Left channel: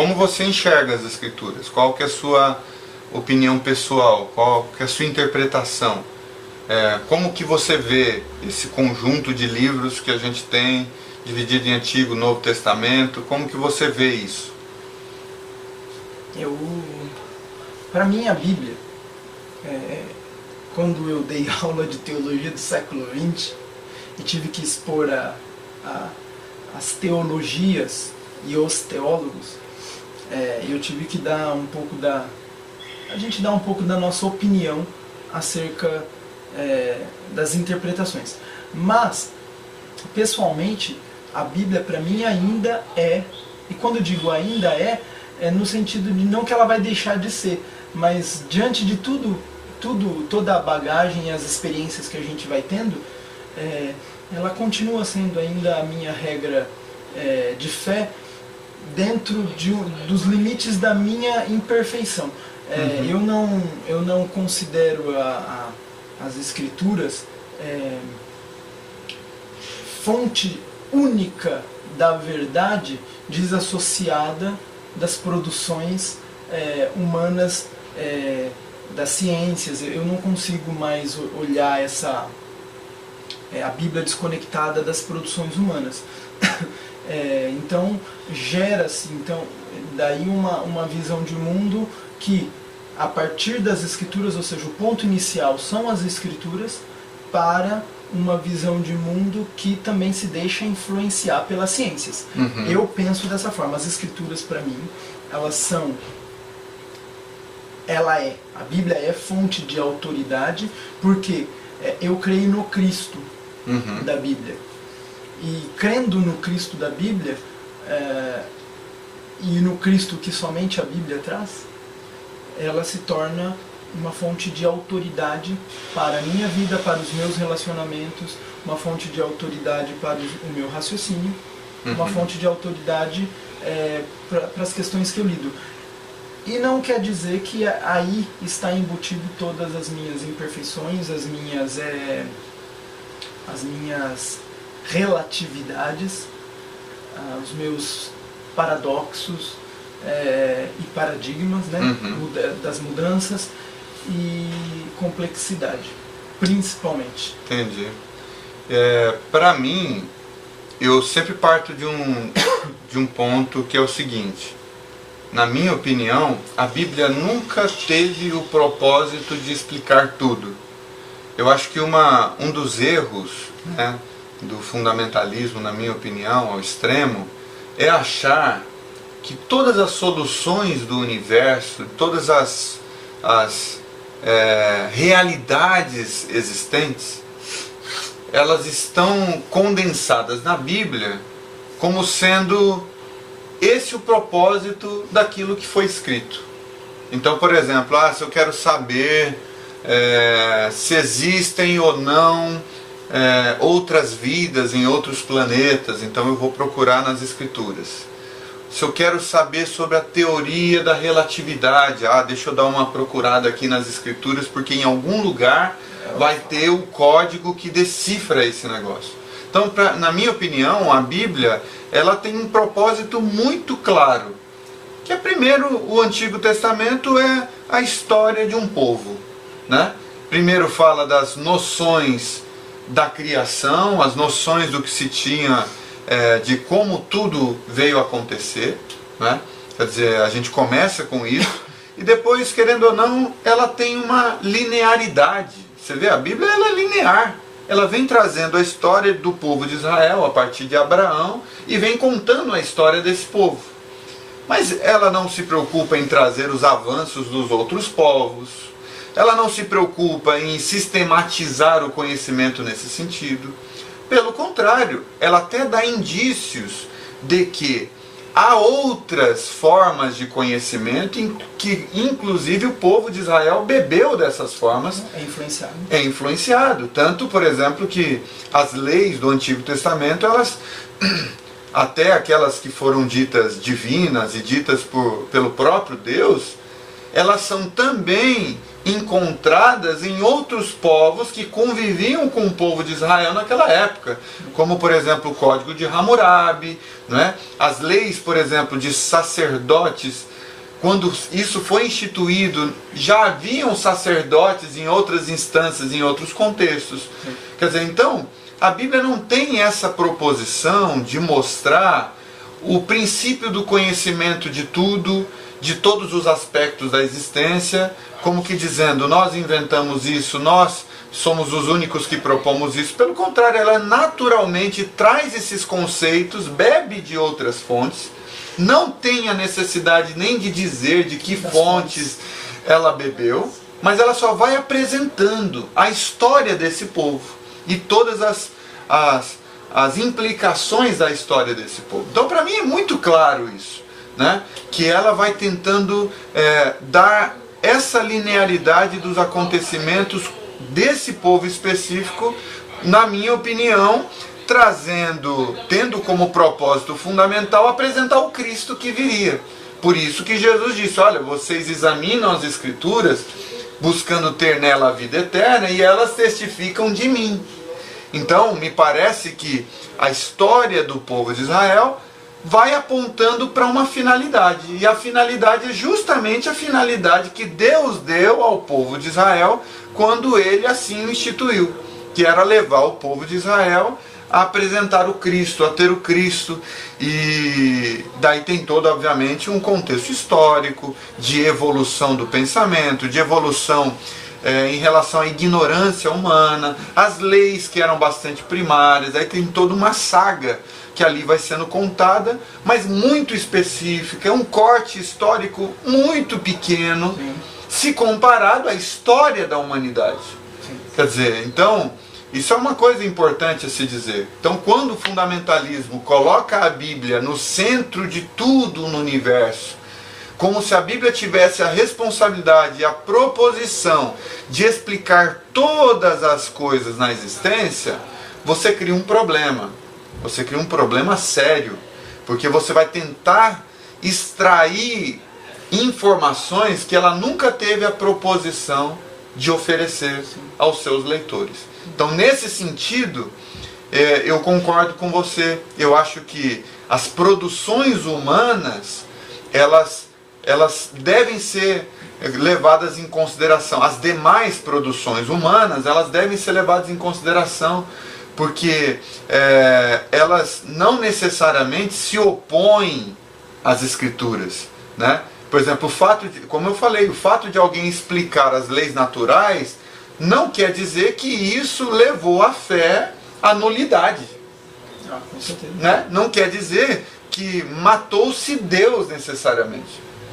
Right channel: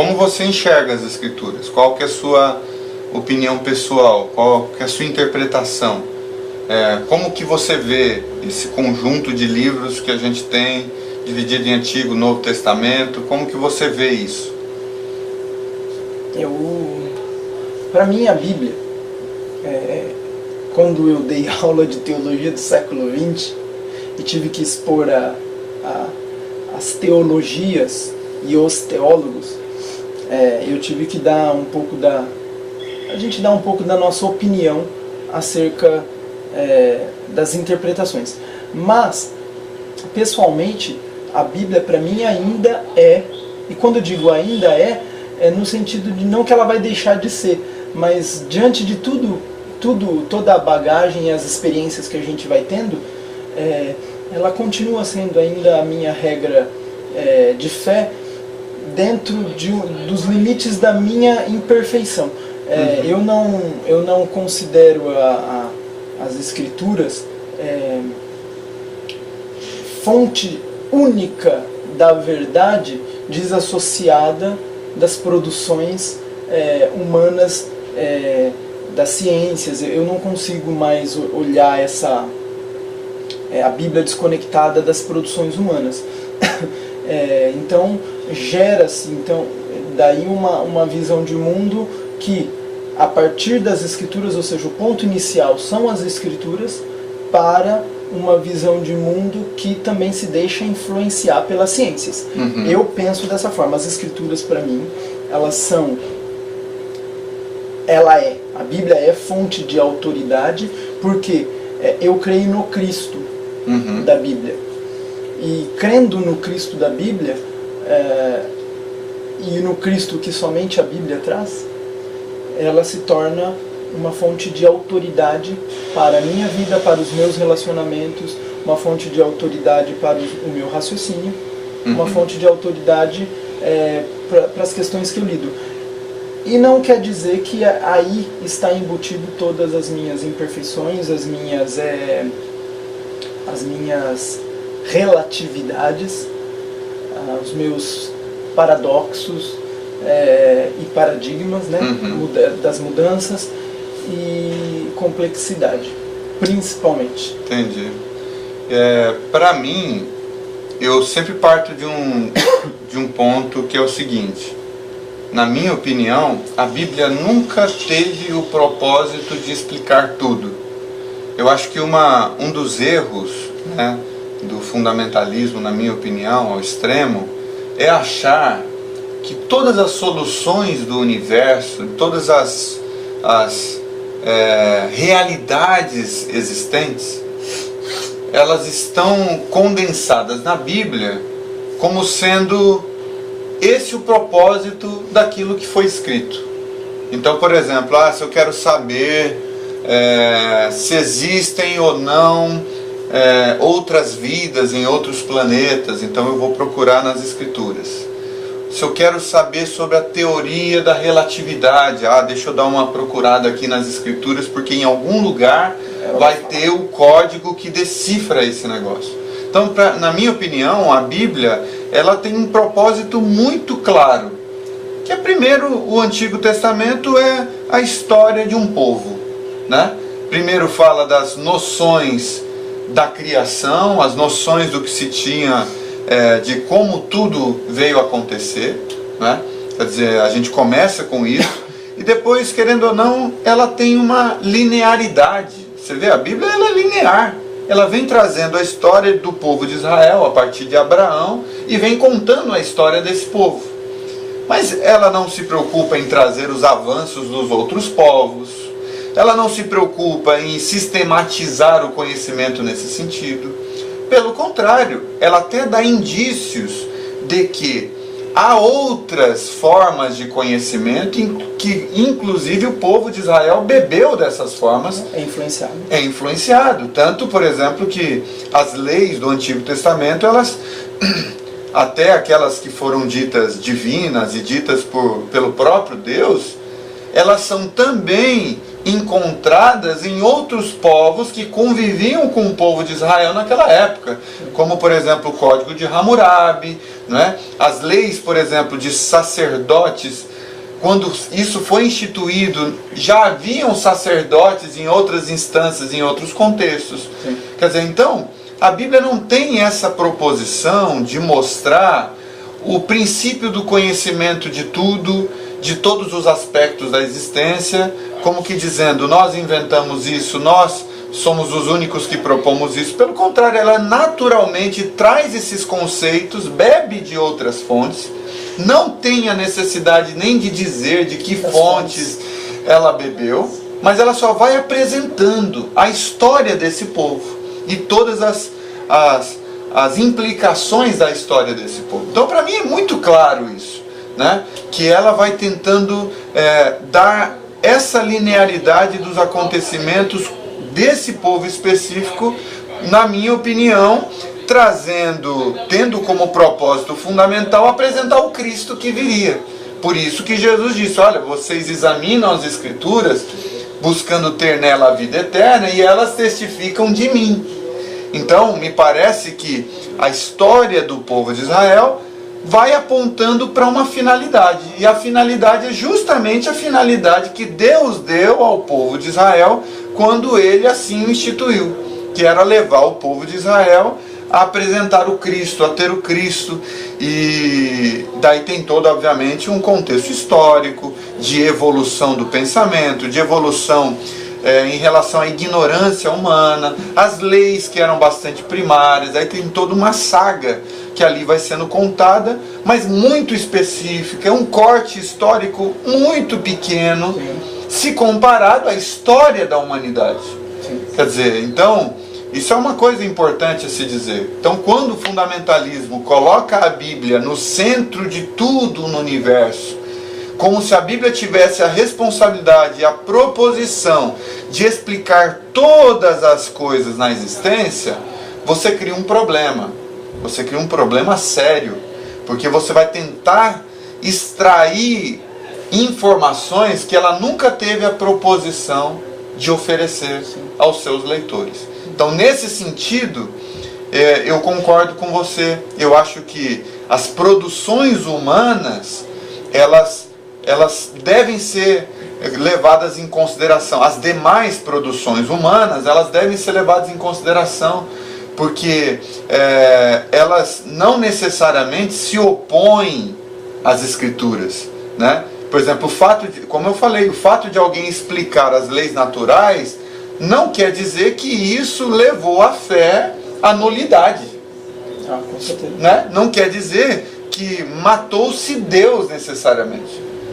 como você enxerga as Escrituras? Qual que é a sua opinião pessoal? Qual que é a sua interpretação? Como que você vê esse conjunto de livros que a gente tem, dividido em Antigo e Novo Testamento? Como que você vê isso? Para mim, a Bíblia, quando eu dei aula de teologia do século XX e tive que expor as teologias e os teólogos, eu tive que dar um pouco a gente dá um pouco da nossa opinião acerca das interpretações. Mas, pessoalmente, a Bíblia para mim ainda e quando eu digo ainda é no sentido de não que ela vai deixar de ser, mas diante de toda a bagagem e as experiências que a gente vai tendo, ela continua sendo ainda a minha regra de fé dentro dos limites da minha imperfeição. Eu não considero as Escrituras fonte única da verdade desassociada das produções humanas, das ciências. Eu não consigo mais olhar a Bíblia desconectada das produções humanas. Então gera-se daí uma visão de mundo que, a partir das Escrituras, ou seja, o ponto inicial são as Escrituras, para uma visão de mundo que também se deixa influenciar pelas ciências. Eu penso dessa forma. As Escrituras, para mim, a Bíblia é fonte de autoridade, porque eu creio no Cristo da Bíblia. E crendo no Cristo da Bíblia, e no Cristo que somente a Bíblia traz, ela se torna uma fonte de autoridade para a minha vida, para os meus relacionamentos, uma fonte de autoridade para o meu raciocínio, uma fonte de autoridade para as questões que eu lido. E não quer dizer que aí está embutido todas as minhas imperfeições, as minhas relatividades, os meus paradoxos e paradigmas, né, das mudanças e complexidade, principalmente. Entendi. Para mim, eu sempre parto de um ponto que é o seguinte: na minha opinião, a Bíblia nunca teve o propósito de explicar tudo. Eu acho que um dos erros, né, do fundamentalismo, na minha opinião, ao extremo, é achar que todas as soluções do universo, todas as realidades existentes, elas estão condensadas na Bíblia como sendo esse o propósito daquilo que foi escrito. Então, por exemplo, se eu quero saber se existem ou não outras vidas em outros planetas, então eu vou procurar nas Escrituras. Se eu quero saber sobre a teoria da relatividade, deixa eu dar uma procurada aqui nas Escrituras, porque em algum lugar vai ter o código que decifra esse negócio. Então, na minha opinião, a Bíblia ela tem um propósito muito claro, que primeiro, o Antigo Testamento é a história de um povo, né? Primeiro fala das noções da criação, as noções do que se tinha, de como tudo veio a acontecer, né? Quer dizer, a gente começa com isso, e depois, querendo ou não, ela tem uma linearidade. Você vê, a Bíblia ela é linear. Ela vem trazendo a história do povo de Israel a partir de Abraão e vem contando a história desse povo. Mas ela não se preocupa em trazer os avanços dos outros povos, ela não se preocupa em sistematizar o conhecimento nesse sentido. Pelo contrário, ela até dá indícios de que há outras formas de conhecimento que, inclusive, o povo de Israel bebeu dessas formas. É influenciado. Tanto, por exemplo, que as leis do Antigo Testamento, elas, até aquelas que foram ditas divinas e ditas pelo próprio Deus, elas são também encontradas em outros povos que conviviam com o povo de Israel naquela época, como por exemplo o Código de Hammurabi, né? As leis, por exemplo, de sacerdotes. Quando isso foi instituído, já haviam sacerdotes em outras instâncias, em outros contextos. Sim. Quer dizer, então, a Bíblia não tem essa proposição de mostrar o princípio do conhecimento de tudo, de todos os aspectos da existência, como que dizendo, nós inventamos isso, nós somos os únicos que propomos isso. Pelo contrário, ela naturalmente traz esses conceitos, bebe de outras fontes, não tem a necessidade nem de dizer de que fontes ela bebeu, mas ela só vai apresentando a história desse povo e todas as implicações da história desse povo. Então, para mim é muito claro isso, né? Que ela vai tentando dar essa linearidade dos acontecimentos desse povo específico, na minha opinião, tendo como propósito fundamental apresentar o Cristo que viria. Por isso que Jesus disse, olha, vocês examinam as Escrituras buscando ter nela a vida eterna e elas testificam de mim. Então, me parece que a história do povo de Israel vai apontando para uma finalidade. E a finalidade é justamente a finalidade que Deus deu ao povo de Israel quando ele assim o instituiu, que era levar o povo de Israel a apresentar o Cristo, a ter o Cristo. E daí tem todo, obviamente, um contexto histórico de evolução do pensamento, de evolução em relação à ignorância humana, as leis que eram bastante primárias. Aí tem toda uma saga que ali vai sendo contada, mas muito específica, é um corte histórico muito pequeno, se comparado à história da humanidade. Quer dizer, então, isso é uma coisa importante a se dizer. Então, quando o fundamentalismo coloca a Bíblia no centro de tudo no universo, como se a Bíblia tivesse a responsabilidade e a proposição de explicar todas as coisas na existência, você cria um problema. Você cria um problema sério, porque você vai tentar extrair informações que ela nunca teve a proposição de oferecer aos seus leitores. Então, nesse sentido, eu concordo com você. Eu acho que as produções humanas, elas devem ser levadas em consideração. As demais produções humanas, elas devem ser levadas em consideração, porque elas não necessariamente se opõem às Escrituras, né? Por exemplo, como eu falei, o fato de alguém explicar as leis naturais não quer dizer que isso levou a fé à nulidade. Com certeza. Né? Não quer dizer que matou-se Deus necessariamente.